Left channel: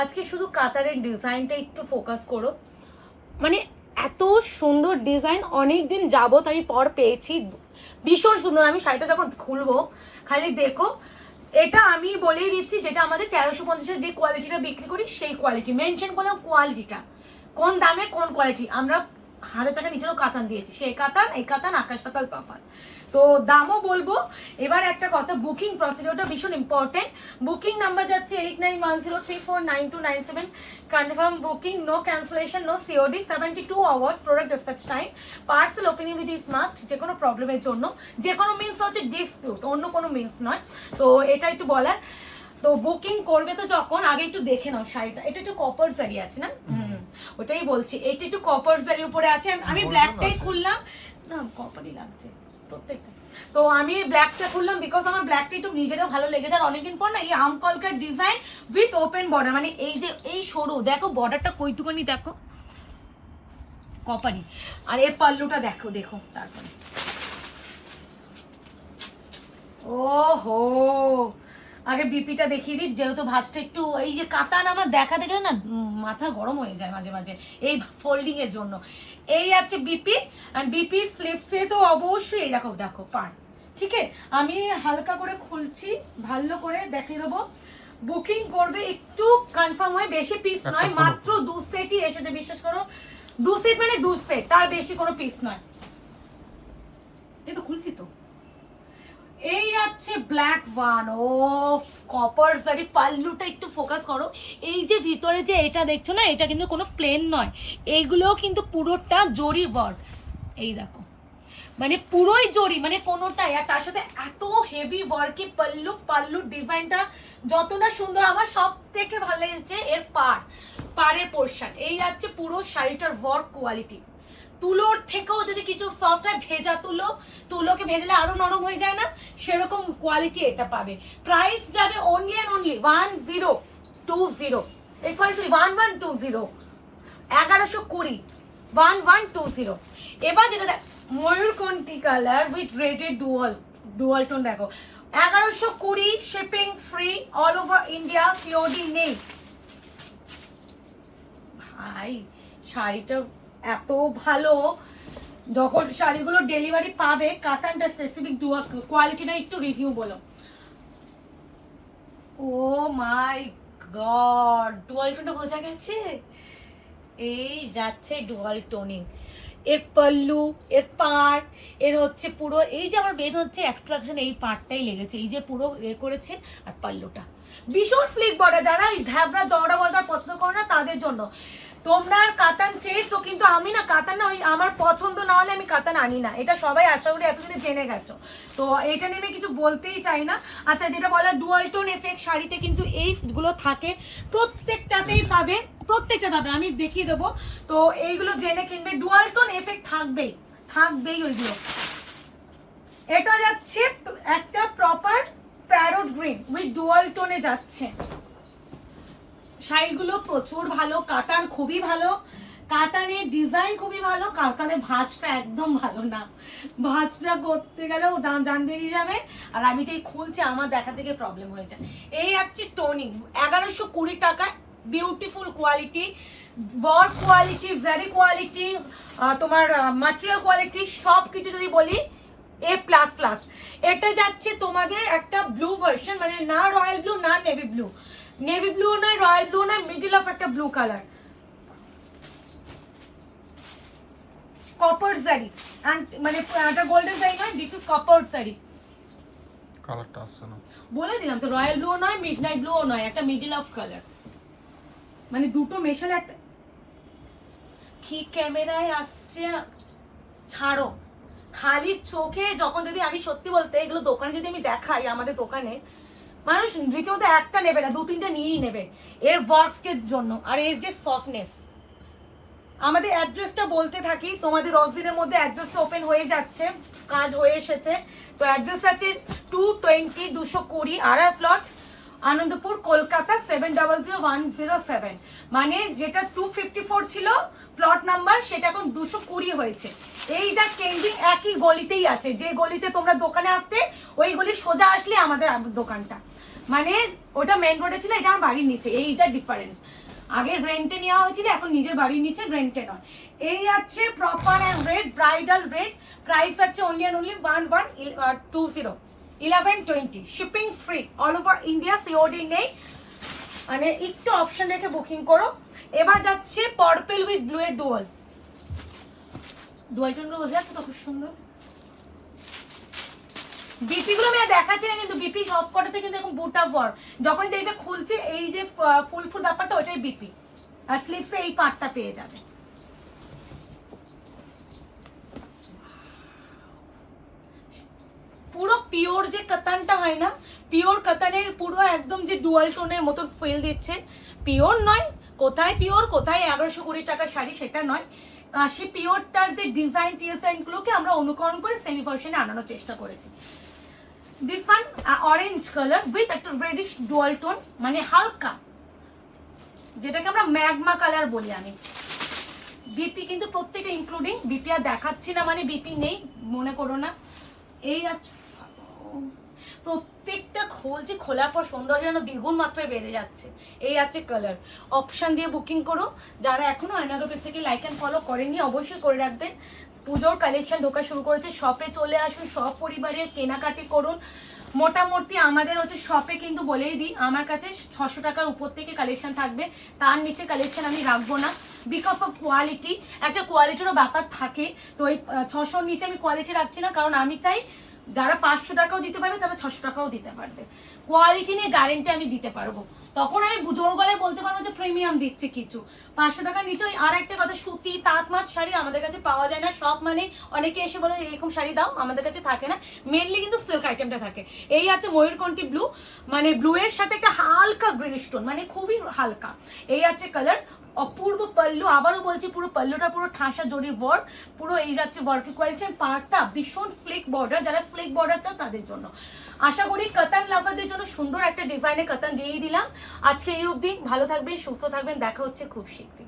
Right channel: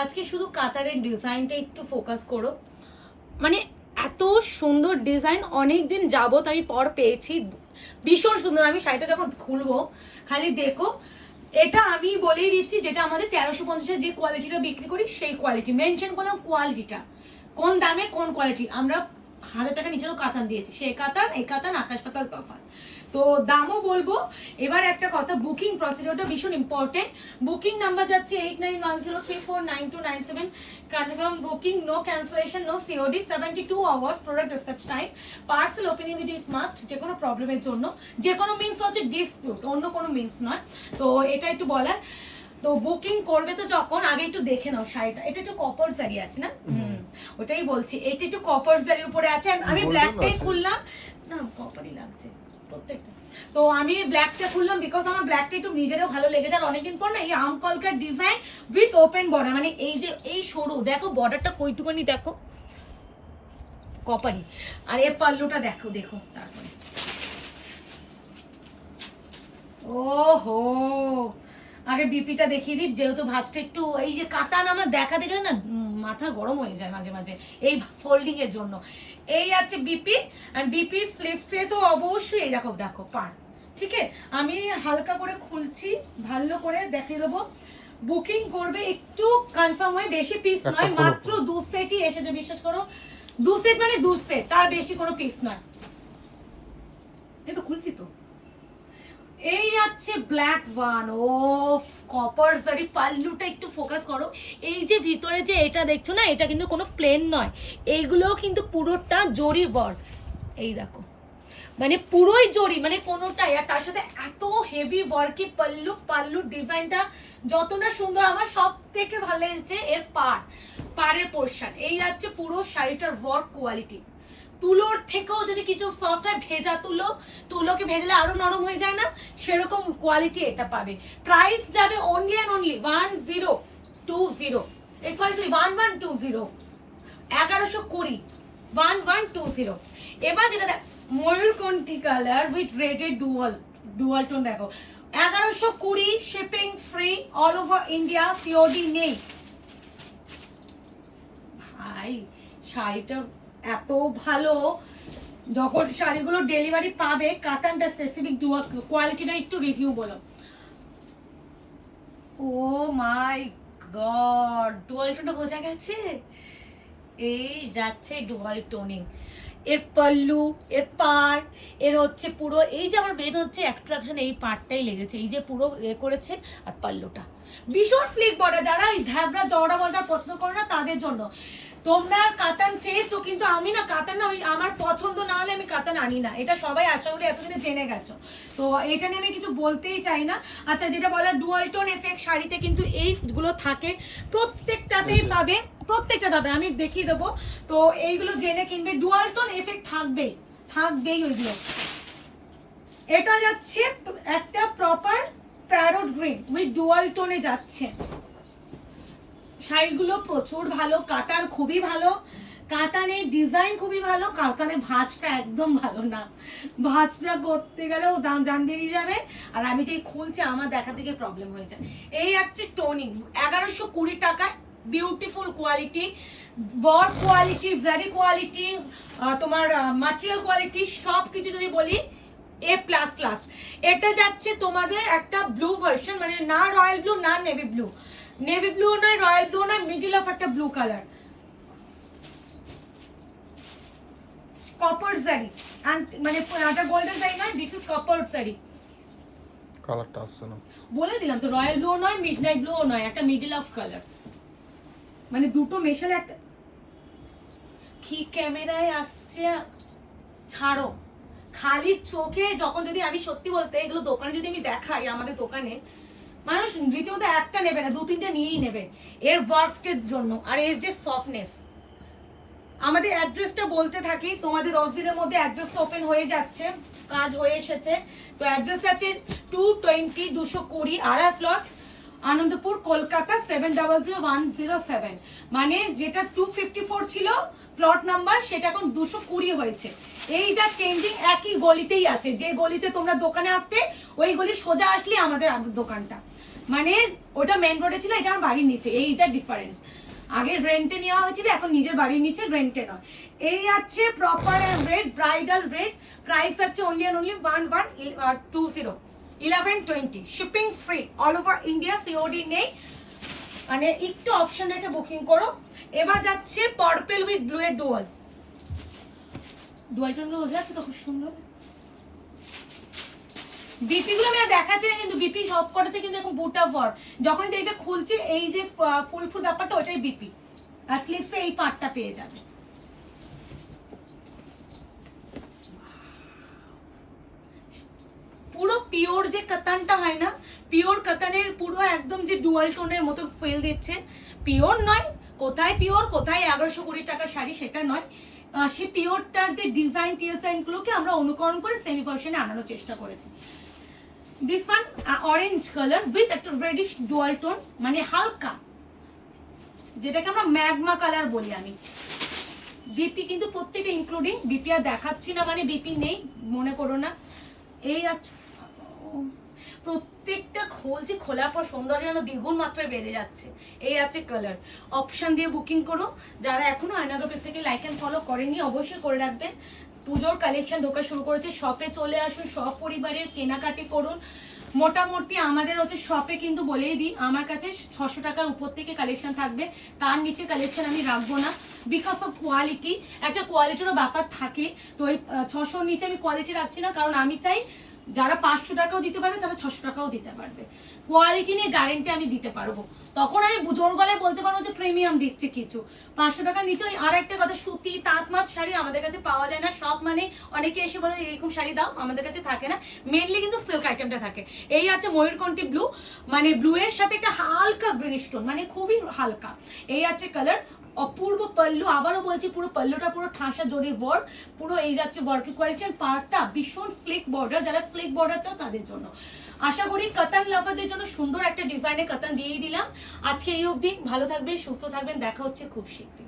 আজকে শুধু কাতারের ডিজাইনটা একটু ফোকাস করো, মানে এত সুন্দর ডিজাইন অনেক দিন যাবত আমি পর পেয়েছি, ভীষণ সুন্দর। আমি শাড়িটা যখন খুলবো খালি দেখো, এটা আমি বলেই দিচ্ছি যেটা আমাদের 1350-এর যে কোয়ালিটিটা বিক্রি করি সেই কোয়ালিটি মেনশন করলাম, কোয়ালিটিটা কোন দামের কোন কোয়ালিটি। আমরা 1000 টাকা নিচেও কাতান দিয়েছি, সেই কাতান এই কাতান আকাশ পাতাল তফাৎ। তো দামও বলবো। এবার একটা কথা, বুকিং প্রসিডিওরটা ভীষণ ইম্পর্টেন্ট। বুকিং নাম্বার যাচ্ছে 8910349297। Confirm booking, no cancellation, no COD, 72 hours product dispatch time, parcel openability is must. যে কোনো প্রবলেমের জন্য, যে কোনো মিনস হচ্ছে ডিসপিউট, অন্য কোনো মিনস নয়। তো এটা একটু বলার। তো বুকিং করবে তো যখন, আগে একটু দেখে নাও শাড়িটা। এটা একটু কপার জারি আছে না, ওটাই বলছি, এটা একটু কপার জারির উপরে আছে। আমি ব্ল্যাকটাই খুললাম, না কপারই লাগছে প্রত্যেকটা। তো আমি ব্ল্যাকটা খুললাম বিকজ আমার ব্ল্যাকটা একটু নিজেরও ভালো লেগেছে। আর অনেকদিন পর না এই আমকলকার ডিজাইন উইথ ওপেন বর্ডার, মানে এই যে এই সরু দেখো বর্ডারটা কইটুকুনি দেখো, কপারি। আর এর পাল্লুটা দেখো, দেখো তারপরে ওহো, আগে বিপিটা দেখিয়ে দিই, যেহেতু ভাঁজটা একটু, এই যে কাতান আমার দেখা দেখে না মাথা গরম হয়ে যায় মাঝে মাঝে এই ফোল্ডিং এর জন্য। এই আছে বিপি, আর বিপির স্লিভসে তো অবশ্যই এই দেখো, দেখো পার। ঠিক আছে, আমি হালকা করে খুলছি, ভালো করে দেখিয়ে দেবো। বুকিং করবে একটু কনফার্ম হয়, বেশি পিস নয়, মাত্র 2 সেটই এসেছে, বিশ্বাস করো। 2 সেট মানে 2 সেট, তার বেশি কোনো পিস নয়। এই তো খুলছি তো। এই আছে ব্ল্যাক ওয়ান, ও কপার জারি, পাল্লুটা একটু ফোকাস করো। এই যে ভিতরে যে এটা দেখছো না, এটা কিন্তু কোনো প্লেন নয়, এইগুলোও কিন্তু পুরোটা জরি ওয়ার্ক। এই দেখো, মানে পুরোই জরি, মানে কোনোটাই। আর তার সাথে এত হেভি ওয়ার্কি পাল্লু, পাল্লুর ডিজাইনটা যতটা সুন্দর, আমার সব থেকে ভালো লেগেছে এর পাড়ের পোর্শন। এই আছে পুরো শাড়িটার ওয়ার্ক কোয়ালিটি। তুলোর থেকেও যদি কিছু সফট হয়, ভেজা তুলোকে ভেজলে আরো নরম হয়ে যায় না, সেরকম কোয়ালিটি এটা পাবে। প্রাইস যাবে অনলি অ্যান্ড অনলি 1120, সরি 1120, 1120, 1120। এবার যেটা দেখ, ময়ূরকণ্ঠী কালার উইথ রেডেড ডুয়াল টোন, দেখো 1120, shipping free, all over India, COD নেই। ভাই শাড়িটা এত ভালো, যখন শাড়িগুলো ডেলিভারি পাবে, কাতানটা স্পেসিফিক কোয়ালিটিটা একটু রিভিউ বলো। ও মাই গড, ডুয়াল টোনটা বোঝা গেছে। এই যাচ্ছে ডুয়াল টোনিং, এর পাল্লু, এর পাড়, এর হচ্ছে পুরো, এই যে আমার মেন হচ্ছে অ্যাট্রাকশন এই পার্টটাই লেগেছে, এই যে পুরো করেছে। আর পাল্লুটা ভীষণ স্লিক বডি, যারা এই ধ্যাবড়া জড়া বলটা পছন্দ করে না তাদের জন্য। তোমরা কাতান চেয়েছো, কিন্তু আমি না কাতান না, ওই আমার পছন্দ না হলে আমি কাতান আনি না, এটা সবাই আশা করি এতদিনে জেনে গেছো। তো এটা নিয়ে আমি কিছু বলতেই চাই না। আচ্ছা, যেটা বলা ডুয়াল টোন এফেক্ট শাড়িতে কিন্তু এইগুলো থাকে, প্রত্যেকটাতেই পাবে, প্রত্যেকটা পাবে, আমি দেখিয়ে দেবো। তো এইগুলো জেনে কিনবে, ডুয়াল টোন এফেক্ট থাকবেই ওইগুলো। এটা যাচ্ছে একটা proper parrot green with dual টোনে যাচ্ছে। শাড়িগুলো প্রচুর ভালো, কাতান খুবই ভালো, কাতানের ডিজাইন খুবই ভালো, কাতানের ভাঁজটা একদম ভালো না, ভাঁজটা করতে গেলেও জান বেরিয়ে যাবে। আর আমি যেই খুলছি আমার দেখা থেকে প্রবলেম হয়ে যায়। এই হচ্ছে টোনিং, 1120 টাকা, beautiful quality, work quality, very quality, তোমার ম্যাটেরিয়াল কোয়ালিটি সব কিছু যদি বলি A++। এটা যাচ্ছে তোমাদের একটা ব্লু ভার্সন, মানে না রয়্যাল ব্লু না নেভি ব্লু, নেভি ব্লু নয়, রয়্যাল ব্লু নয়, মিডল অফ একটা ব্লু কালার, কপার জারি, মানে একটা গোল্ডেন জারি নয়, দিস ইজ কপার জারি। কালারটা আসছে না, বলে দিলাম তো, রয়্যাল ব্লু নয়, মিডনাইট ব্লু নয়, একটা মিডল অফ কালার, মানে দুটো মেশালে একটা। ঠিক ক্যামেরায় আসছে, ছাড়ো, খালি চোখে যখন, যদি আমি সত্যি বলতে এগুলো দোকানে যদি আমি দেখাই, আমাদের দোকানে মানুষ রীতিমতো একটা নেবে না, 2-3টা নিয়েই নেবে এর ওয়ার্কের জন্য আর এর যে সফটনেস। আমাদের অ্যাড্রেসটা বলতে থাকি, তোমাদের 10 দিনের মধ্যে অ্যাড্রেসটা ওপেন হয়ে যাচ্ছে, কাজ হয়ে এসেছে। তো অ্যাড্রেস আছে 220 220 আড়া প্লট, আনন্দপুর, কলকাতা 700107। মানে যেটা 254 ছিল প্লট নাম্বার, সেটা এখন 220 হয়েছে। এই যা চেঞ্জিং একই গলিতেই আছে, যে গলিতে তোমরা দোকানে আসতে, ওই গলি সোজা আসলে আমাদের দোকানটা। মানে ওটা মেন রোডে ছিল, এটা আমার বাড়ির নিচে, এই যা ডিফারেন্স। আগে রেন্টে নেওয়া হয়েছিল, এখন নিজের বাড়ির নিচে, রেন্টে নয়। এই আছে proper and red bridal red, price আছে only and only 1120 1120, shipping free all over India, COD নেই, মানে একটু অপশন রেখে বুকিং করো। এবার যাচ্ছে পার্পল উইথ ব্লু এর ডুয়াল, ডুয়াল টোনগুলো বোঝা যাচ্ছে তো, খুব সুন্দর। বিপি গুলো আমি আর দেখাচ্ছি না, কিন্তু বিপি সব কটাতে কিন্তু এরকম বুটা ফর, যখনই দেখবে খুলছে এই যে ফুল ফুল ব্যাপারটা, ওটাই বিপি। আর স্লিপসে এই পার্টটা পেয়ে যাবে। পুরো পিওর যে কাতানটা হয় না, পিওর কাতানের পুরো একদম যে ডুয়াল টোনের মতো ফিল দিচ্ছে। পিওর নয়, কোথায় পিওর কোথায় 1120 টাকা শাড়ি সেটা নয়, সেই পিওরটার যে ডিজাইন গুলোকে আমরা অনুকরণ করে সেমি ভার্সনে আনানোর চেষ্টা করেছি। This one orange colour with একটা রেডিশ ডুয়াল টোন, মানে হালকা, যেটাকে আমরা ম্যাগমা কালার বলি আমি। বিপি কিন্তু প্রত্যেকটা ইনক্লুডিং, বিপি আর দেখাচ্ছি না মানে বিপি নেই মনে করো না। এই প্রত্যেকটা খোলছে, খোলার পর সৌন্দর্য যেন দ্বিগুণ মাত্রায় বেড়ে যাচ্ছে। এই আছে কালার, অপশন দিয়ে বুকিং করো। যারা এখনো আয়নার অফিস থেকে লাইক অ্যান্ড ফলো করেননি অবশ্যই করে রাখবেন। পুজোর কালেকশন ঢোকা শুরু করেছে, শপে চলে আসুন, সব পরিবারের কেনাকাটি করুন। মোটামুটি আমাদের হচ্ছে শপে কিন্তু বলেই দিই, আমার কাছে 600 টাকার উপর থেকে কালেকশন থাকবে, তার নিচে কালেকশন আমি রাখবো না, বিকজ অফ কোয়ালিটি। একটা কোয়ালিটিরও ব্যাপার থাকে, তো ওই 600-র নিচে আমি কোয়ালিটি রাখছি না, কারণ আমি চাই যারা 500 টাকাও দিতে পারবে তারা 600 টাকাও দিতে পারবে, কোয়ালিটি নিয়ে গ্যারেন্টি আমি দিতে পারবো। তখন আমি জোর গলায় বলতে পারবো যে প্রিমিয়াম দিচ্ছে কিছু। 500 টাকার নিচে আর একটা কথা, সুতি তাঁত মাছ শাড়ি আমাদের কাছে পাওয়া যায় না। সব মানে অনেকে এসে বলে এরকম শাড়ি দাও, আমাদের কাছে থাকে না, মেনলি কিন্তু সিল্ক আইটেমটা থাকে। এই আছে ময়ূরকণ্ঠী ব্লু, মানে ব্লু এর সাথে একটা হালকা গ্রিন স্টোন, মানে খুবই হালকা। এই আছে কালার, অপূর্ব পাল্লু, আবারও বলছি পুরো পাল্লুটা পুরো ঠাসা জরির ওয়ার্ক, পুরো এই যাচ্ছে ওয়ার্কের কোয়ালিটি, পার্টটা ভীষণ স্লিক বর্ডার, যারা স্লিক বর্ডার চাও তাদের জন্য। আশা করি কাতান লাভারদের জন্য সুন্দর একটা ডিজাইনের কাতান দিয়েই দিলাম। আজকে এই অবধি, ভালো থাকবেন, সুস্থ থাকবেন, দেখা হচ্ছে খুব শীঘ্রই।